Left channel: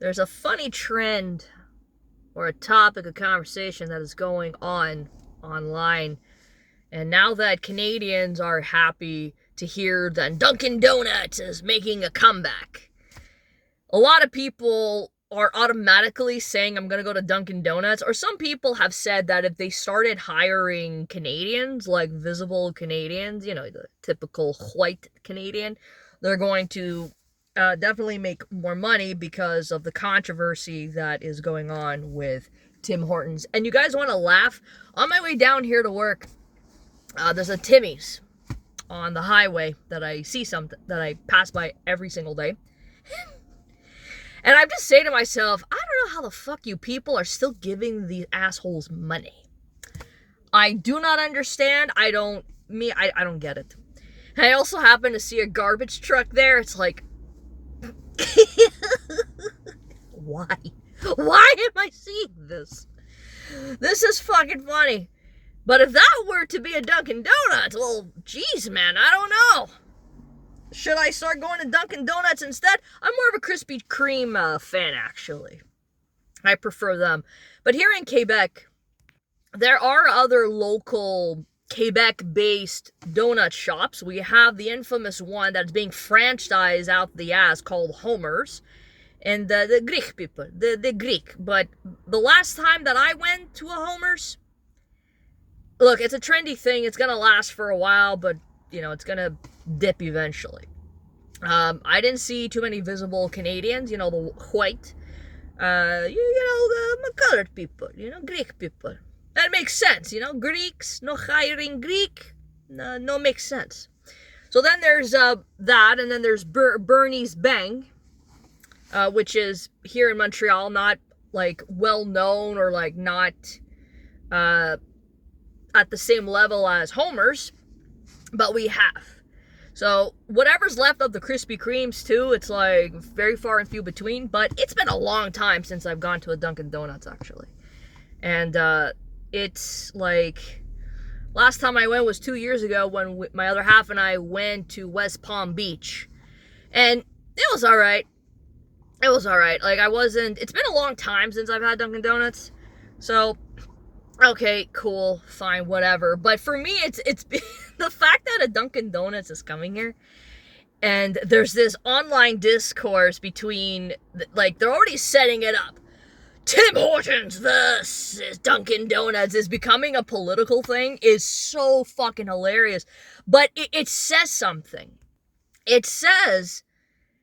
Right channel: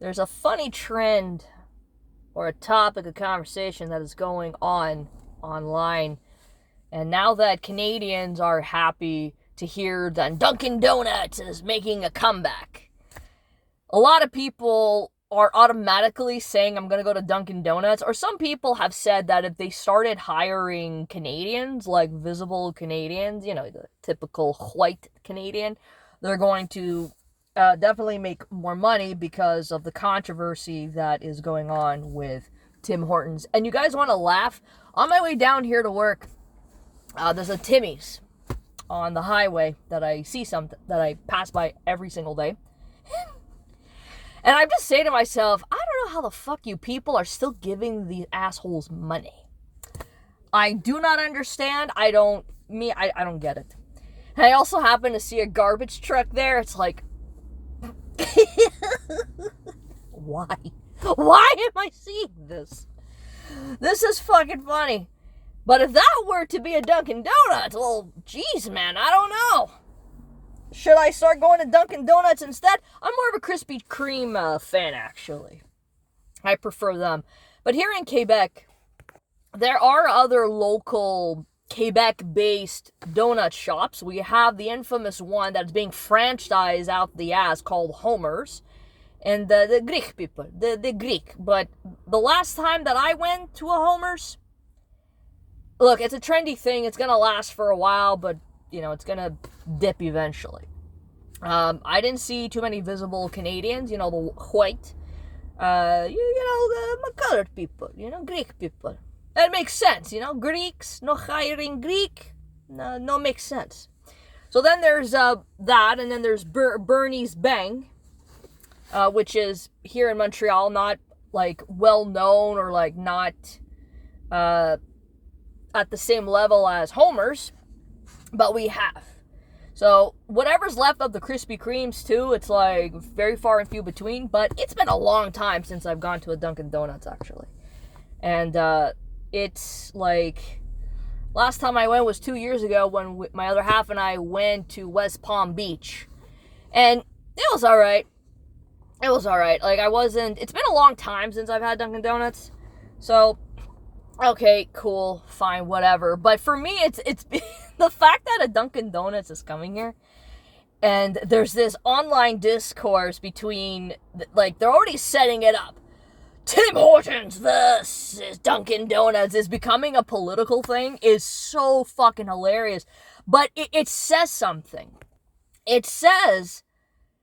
there's a funny trend or a topic of conversation that is going on online. And now that Canadians are happy to hear that Dunkin' Donuts is making a comeback, a lot of people are automatically saying, I'm going to go to Dunkin' Donuts. Or some people have said that if they started hiring Canadians, like visible Canadians, the typical white Canadian, they're going to definitely make more money because of the controversy that is going on with Tim Hortons. And you guys want to laugh? On my way down here to work, there's a Timmy's on the highway that I pass by every single day. And I just say to myself, I don't know how the fuck you people are still giving these assholes money. I do not understand. I don't get it. And I also happen to see a garbage truck there. It's like, why? Why am I seeing this? This is fucking funny. But if that were to be a Dunkin' Donuts, well, geez, man, I don't know. Should I start going to Dunkin' Donuts instead? I'm more of a Krispy Kreme fan, actually. I prefer them. But here in Quebec, there are other local Quebec-based donut shops. We have the infamous one that's being franchised out the ass called Homer's. And the Greek people, the Greek. But the last time that I went to a Homer's, look, it's a trendy thing. It's going to last for a while, but it's going to dip eventually. I didn't see too many visible Canadians, the white, the colored people, Greek people. That makes sense, Greeks, no hiring Greek, no makes sense. So then there's that, and then there's Bernie's Bang, which is here in Montreal, not like well known or like not at the same level as Homer's. But we have. So whatever's left of the Krispy Kremes too, it's like very far and few between. But it's been a long time since I've gone to a Dunkin' Donuts, actually. And it's like, last time I went was 2 years ago when my other half and I went to West Palm Beach. And it was alright. It was alright. Like, it's been a long time since I've had Dunkin' Donuts. So, okay, cool, fine, whatever. But for me, it's the fact that a Dunkin' Donuts is coming here, and there's this online discourse between, like, they're already setting it up. Tim Hortons versus Dunkin' Donuts is becoming a political thing, is so fucking hilarious. But it says something. It says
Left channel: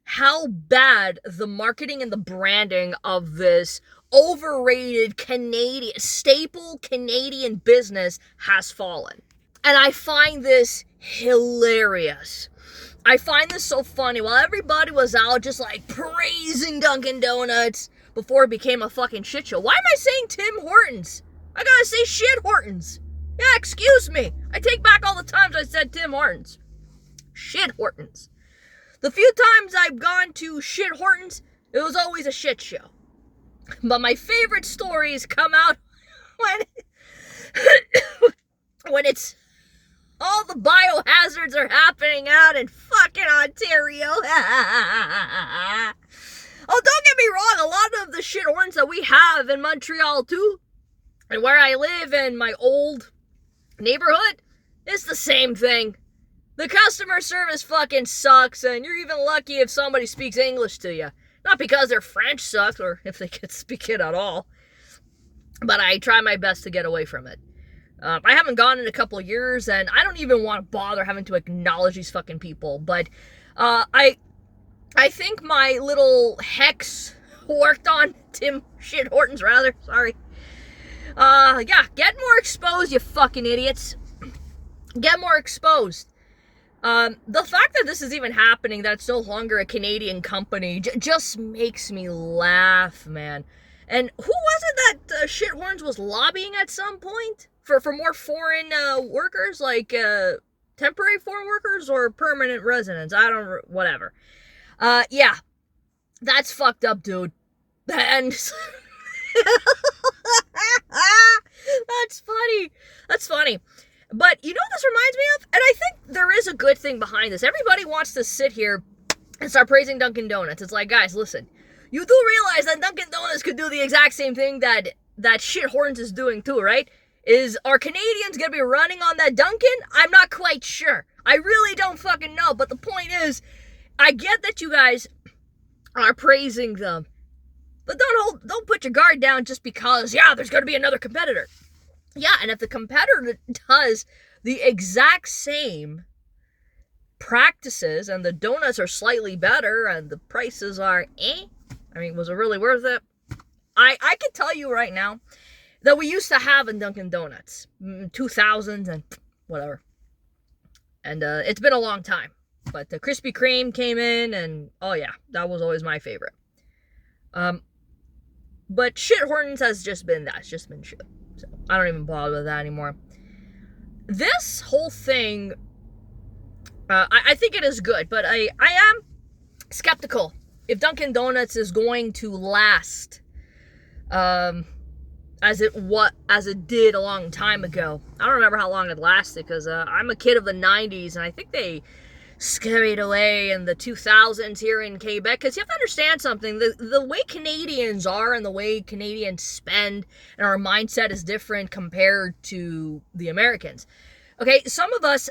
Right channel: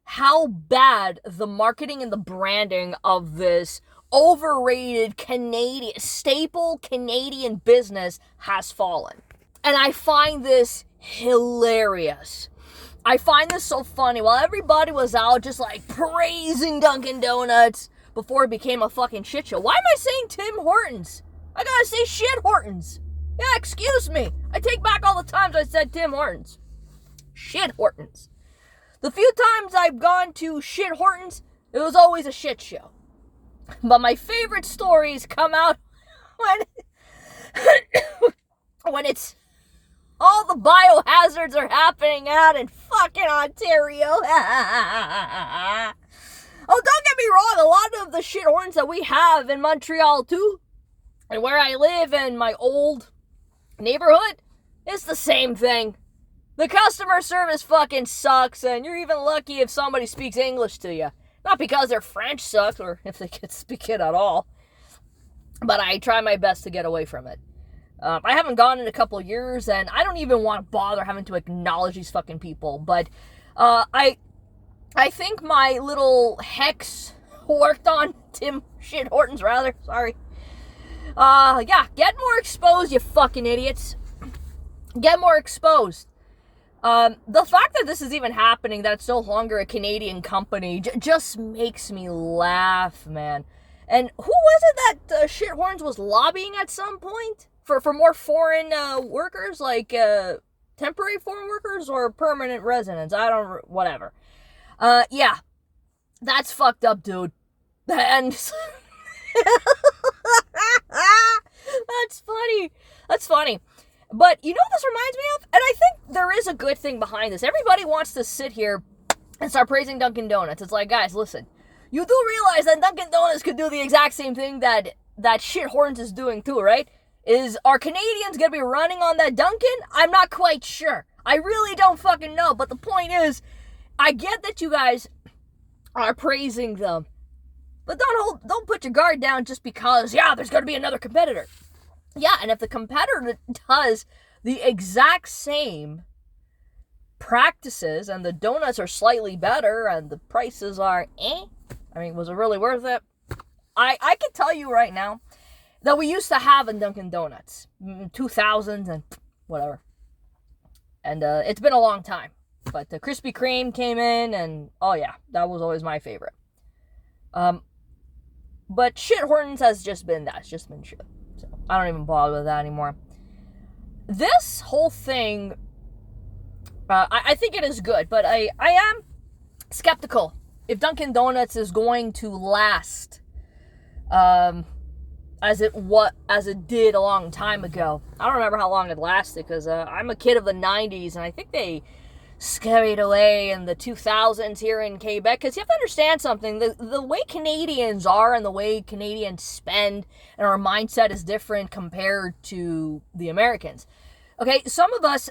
how bad the marketing and the branding of this overrated staple Canadian business has fallen. And I find this hilarious. I find this so funny. While everybody was out just like praising Dunkin' Donuts before it became a fucking shit show. Why am I saying Tim Hortons? I gotta say shit Hortons. Yeah, excuse me. I take back all the times I said Tim Hortons. Shit Hortons. The few times I've gone to shit Hortons, it was always a shit show. But my favorite stories come out when it's all the biohazards are happening out in fucking Ontario. Oh, don't get me wrong, a lot of the shit horns that we have in Montreal too, and where I live in my old neighborhood, it's the same thing. The customer service fucking sucks, and you're even lucky if somebody speaks English to you. Not because their French sucks, or if they could speak it at all. But I try my best to get away from it. I haven't gone in a couple of years, and I don't even want to bother having to acknowledge these fucking people. But I think my little hex worked on Tim Shit Hortons, rather. Sorry. Yeah, get more exposed, you fucking idiots. Get more exposed. The fact that this is even happening, that it's no longer a Canadian company, just makes me laugh, man. And who was it that Shit Horns was lobbying at some point? For more foreign workers, like temporary foreign workers or permanent residents? Whatever. Yeah, that's fucked up, dude. And that's funny. That's funny. But you know what this reminds me of? And I think there is a good thing behind this. Everybody wants to sit here and start praising Dunkin' Donuts. It's like, guys, listen. you do realize that Dunkin' Donuts could do the exact same thing that shit Hortons is doing too, right? Are Canadians gonna be running on that Dunkin'? I'm not quite sure. I really don't fucking know. But the point is, I get that you guys are praising them, but don't put your guard down just because, yeah, there's gonna be another competitor. Yeah, and if the competitor does the exact same practices and the donuts are slightly better and the prices are I mean, was it really worth it? I can tell you right now that we used to have a Dunkin' Donuts 2000s and whatever, and it's been a long time, but the Krispy Kreme came in, and oh yeah, that was always my favorite. But shit Hortons has just been that. It's just been shit, so I don't even bother with that anymore. This whole thing, I think it is good, but I am skeptical if Dunkin' Donuts is going to last as it did a long time ago. I don't remember how long it lasted, because I'm a kid of the 90s, and I think they scurried away in the 2000s here in Quebec, because you have to understand something. The way Canadians are and the way Canadians spend and our mindset is different compared to the Americans. Okay, some of us...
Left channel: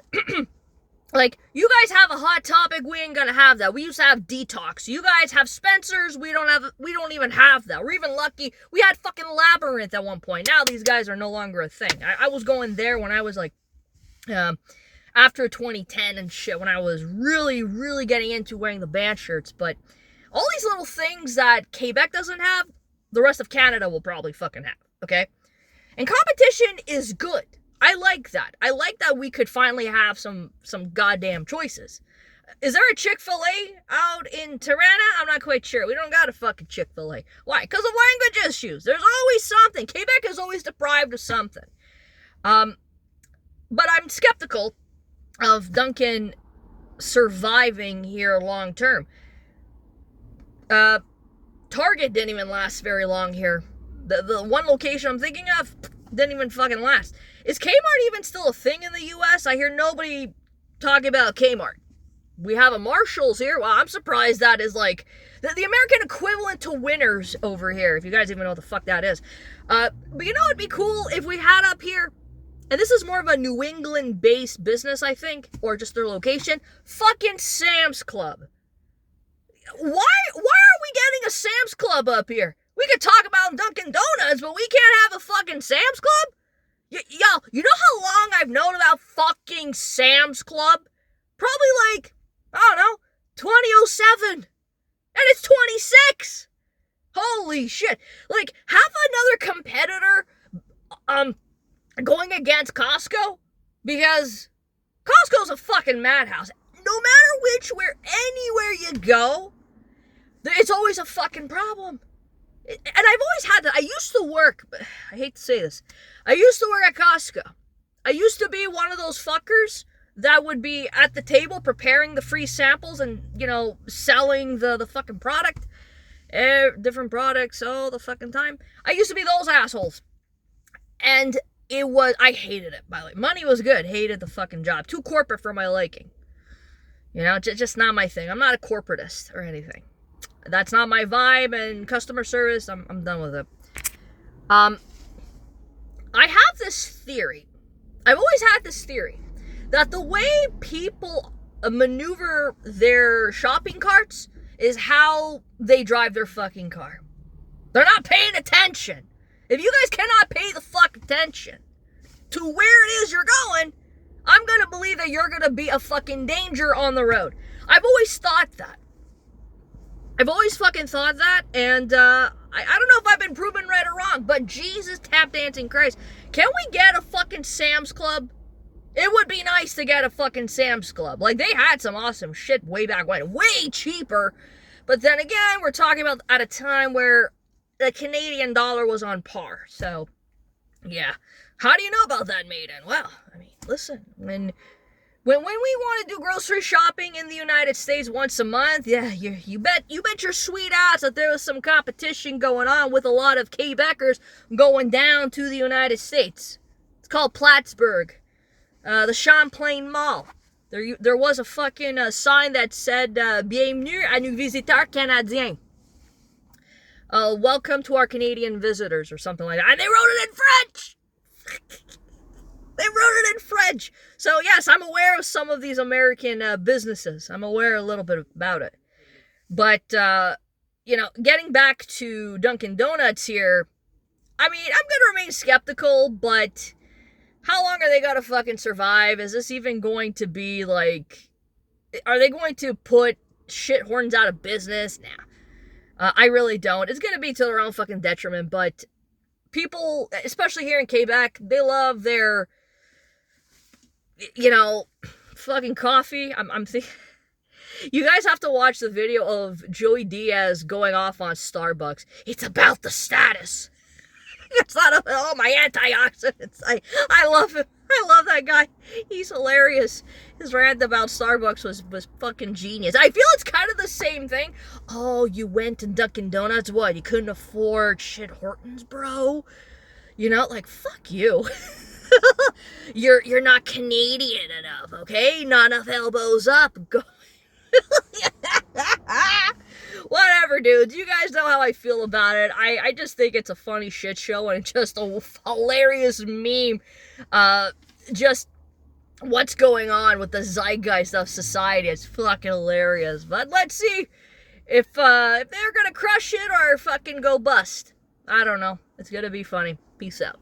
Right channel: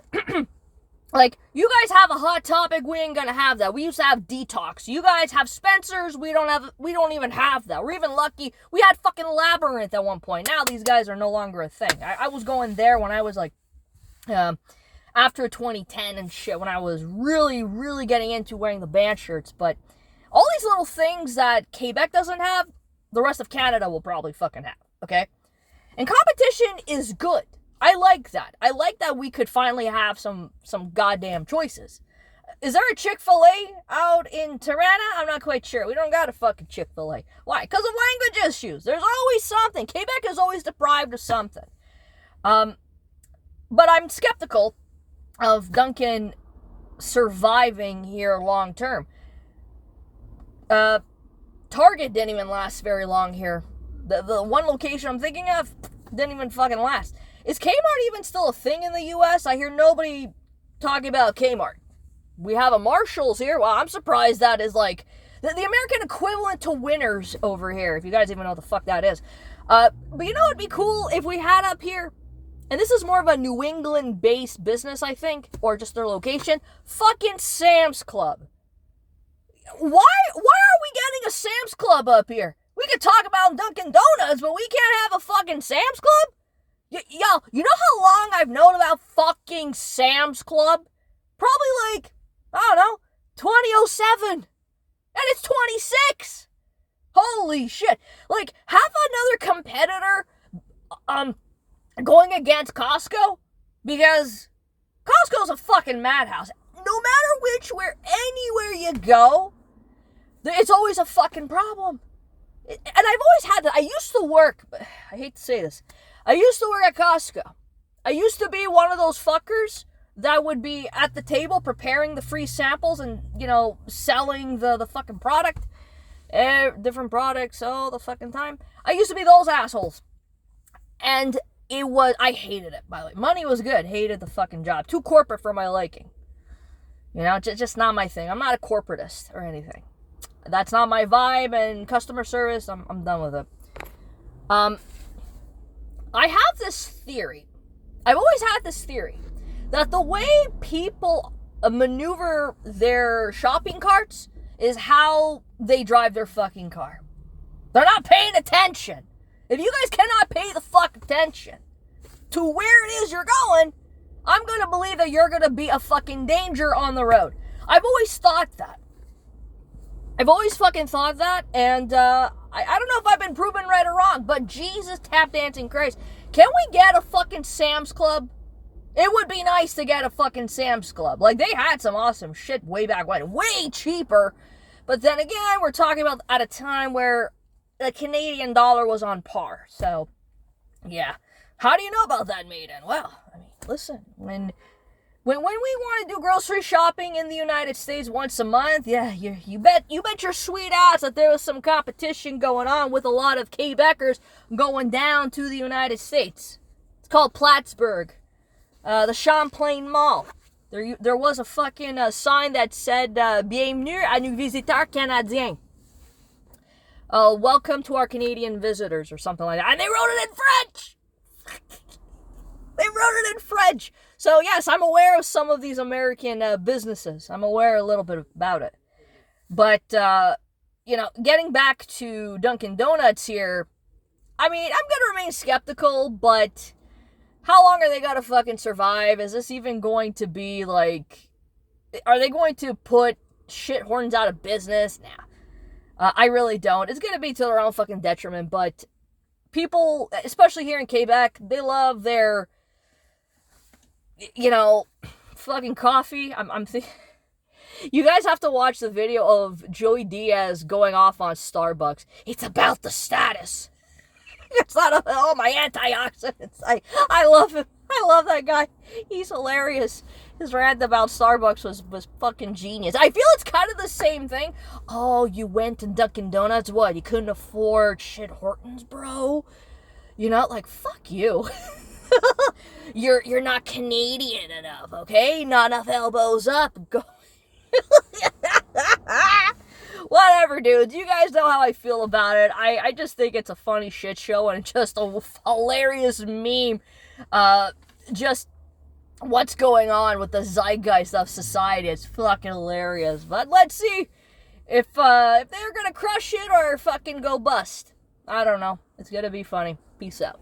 Like, you guys have a Hot Topic, we ain't gonna have that. We used to have Detox. You guys have Spencer's, we don't even have that. We're even lucky, we had fucking Labyrinth at one point. Now these guys are no longer a thing. I was going there when I was like, after 2010 and shit, when I was really, really getting into wearing the band shirts. But all these little things that Quebec doesn't have, the rest of Canada will probably fucking have, okay? And competition is good. I like that. I like that we could finally have some goddamn choices. Is there a Chick-fil-A out in Tirana? I'm not quite sure. We don't got a fucking Chick-fil-A. Why? Because of language issues. There's always something. Quebec is always deprived of something. But I'm skeptical of Dunkin' surviving here long term. Target didn't even last very long here. The one location I'm thinking of didn't even fucking last. Is Kmart even still a thing in the U.S.? I hear nobody talking about Kmart. We have a Marshalls here. Well, I'm surprised that is like the American equivalent to Winners over here, if you guys even know what the fuck that is. But you know what'd be cool if we had up here? And this is more of a New England-based business, I think, or just their location. Fucking Sam's Club. Why are we getting a Sam's Club up here? We could talk about Dunkin' Donuts, but we can't have a fucking Sam's Club? Yo, you know how long I've known about fucking Sam's Club? Probably like, I don't know, 2007. And it's 26. Holy shit. Like, have another competitor going against Costco? Because Costco's a fucking madhouse. No matter anywhere you go, it's always a fucking problem. And I've always had that. I used to work, I hate to say this, I used to work at Costco. I used to be one of those fuckers that would be at the table preparing the free samples and, you know, selling the fucking product. Different products all the fucking time. I used to be those assholes. And I hated it, by the way. Money was good. Hated the fucking job. Too corporate for my liking. You know, just not my thing. I'm not a corporatist or anything. That's not my vibe, and customer service, I'm done with it. I have this theory. I've always had this theory that the way people maneuver their shopping carts is how they drive their fucking car. They're not paying attention. If you guys cannot pay the fuck attention to where it is you're going, I'm gonna believe that you're gonna be a fucking danger on the road. I've always thought that. I've always fucking thought that, and I don't know if I've been proven right or wrong, but Jesus tap dancing Christ, can we get a fucking Sam's Club? It would be nice to get a fucking Sam's Club. Like, they had some awesome shit way back when, way cheaper, but then again, we're talking about at a time where the Canadian dollar was on par, so, yeah. How do you know about that, Maiden? Well, I mean, listen, when we want to do grocery shopping in the United States once a month, yeah, you bet your sweet ass that there was some competition going on with a lot of Quebecers going down to the United States. It's called Plattsburgh, the Champlain Mall. There was a fucking sign that said "Bienvenue à nos visiteurs canadiens." welcome to our Canadian visitors or something like that. And they wrote it in French. They wrote it in French. So yes, I'm aware of some of these American businesses. I'm aware a little bit about it. But, getting back to Dunkin' Donuts here, I mean, I'm going to remain skeptical, but how long are they going to fucking survive? Is this even going to be like, are they going to put shit Hortons out of business? Nah. I really don't. It's going to be to their own fucking detriment, but people, especially here in Quebec, they love their, fucking coffee. I'm thinking, you guys have to watch the video of Joey Diaz going off on Starbucks. It's about the status. It's not all my antioxidants. I love him. I love that guy. He's hilarious. His rant about Starbucks was fucking genius. I feel it's kind of the same thing. Oh, you went to Dunkin' Donuts? What? You couldn't afford shit Hortons, bro? Like, fuck you. You're not Canadian enough, okay? Not enough elbows up. Go. Whatever, dudes. You guys know how I feel about it. I just think it's a funny shit show and just a hilarious meme. Just what's going on with the zeitgeist of society. It's fucking hilarious. But let's see if they're gonna crush it or fucking go bust. I don't know. It's gonna be funny. Peace out.